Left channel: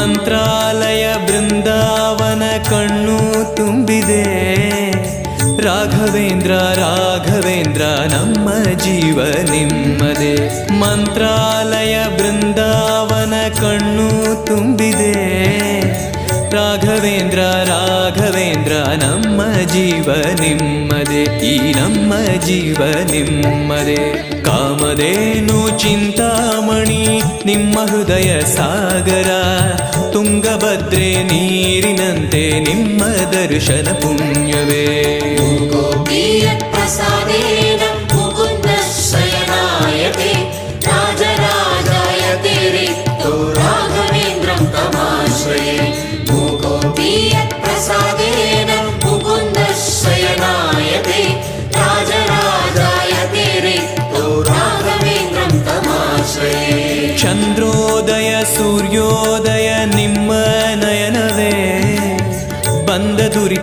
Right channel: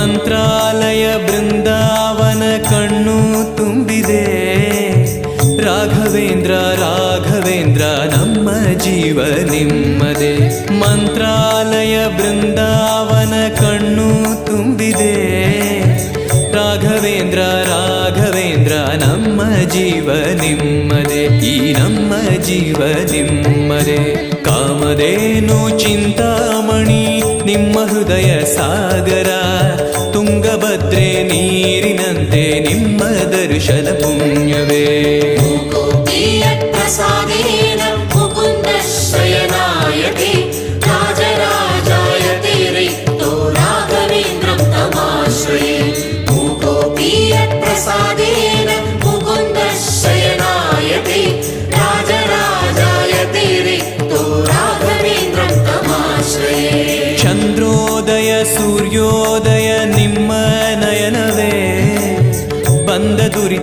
ಮಂತ್ರಾಲಯ ಬೃಂದಾವನ ಕಣ್ಣು ತುಂಬಿದೆ. ರಾಘವೇಂದ್ರ ರಾಘವೇಂದ್ರ ನಮ್ಮ ಜೀವ ನಿಮ್ಮದೇ. ಮಂತ್ರಾಲಯ ಬೃಂದಾವನ ಕಣ್ಣು ತುಂಬಿದೆ. ರಾಘವೇಂದ್ರ ರಾಘವೇಂದ್ರ ನಮ್ಮ ಜೀವ ನಿಮ್ಮದೇ. ಈ ನಮ್ಮ ಜೀವ ನಿಮ್ಮದೇ. ಕಾಮಧೇನು ಚಿಂತಾಮಣಿ ನಿಮ್ಮ ಹೃದಯ ಸಾಗರ. ತುಂಗಭದ್ರೆ ನೀರಿನಂತೆ ನಿಮ್ಮ ದರ್ಶನ ಪುಣ್ಯವೇ. ಚಂದ್ರೋದಯ ಸೂರ್ಯೋದಯ ನಿಮ್ಮ ನಯನವೇ. ಬಂದ ದುರಿ